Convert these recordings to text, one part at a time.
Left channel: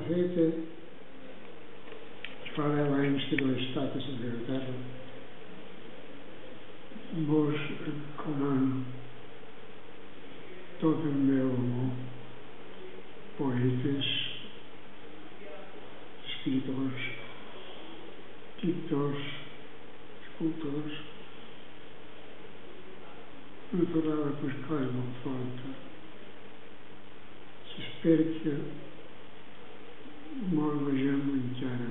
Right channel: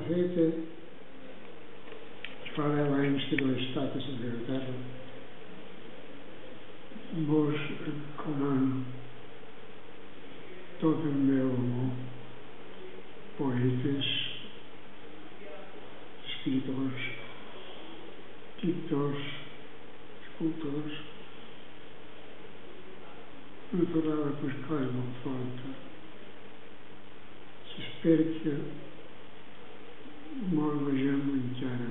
Albacete, fa 10 anys que no he estat a Sant Pere Terra. Vos recomano tot el meu amor, poetes, escriptors, pintors, escultors. Una tornada per clar molt forta. S'espera que molt vegem encara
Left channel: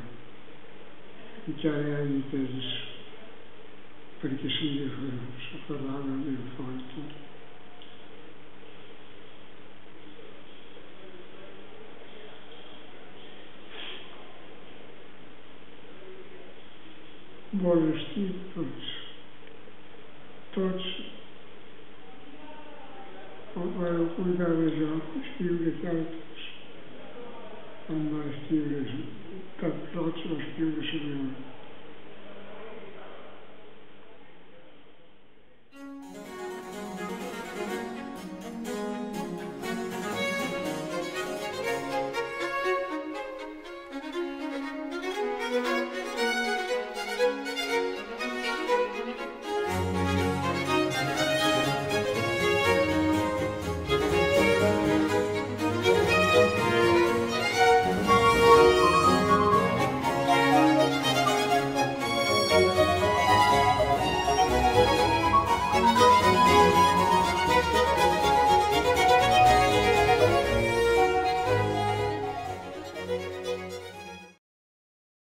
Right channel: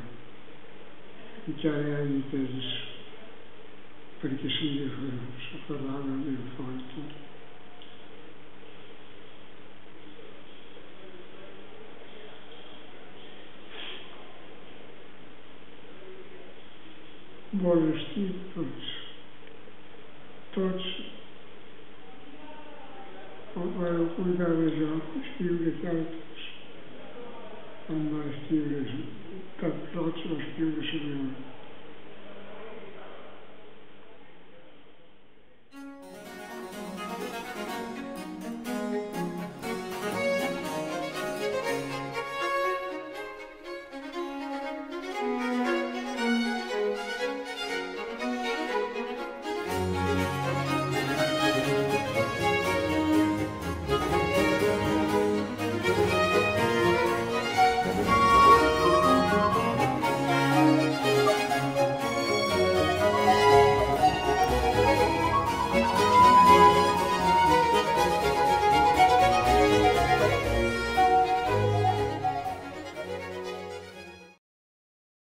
hi hagi temps perquè sigui la tornada ben forta. Bon estiu tots. Tots vareu cuidar de jo, escriure cartes. Quan va escriure cap roig va escriure la meva.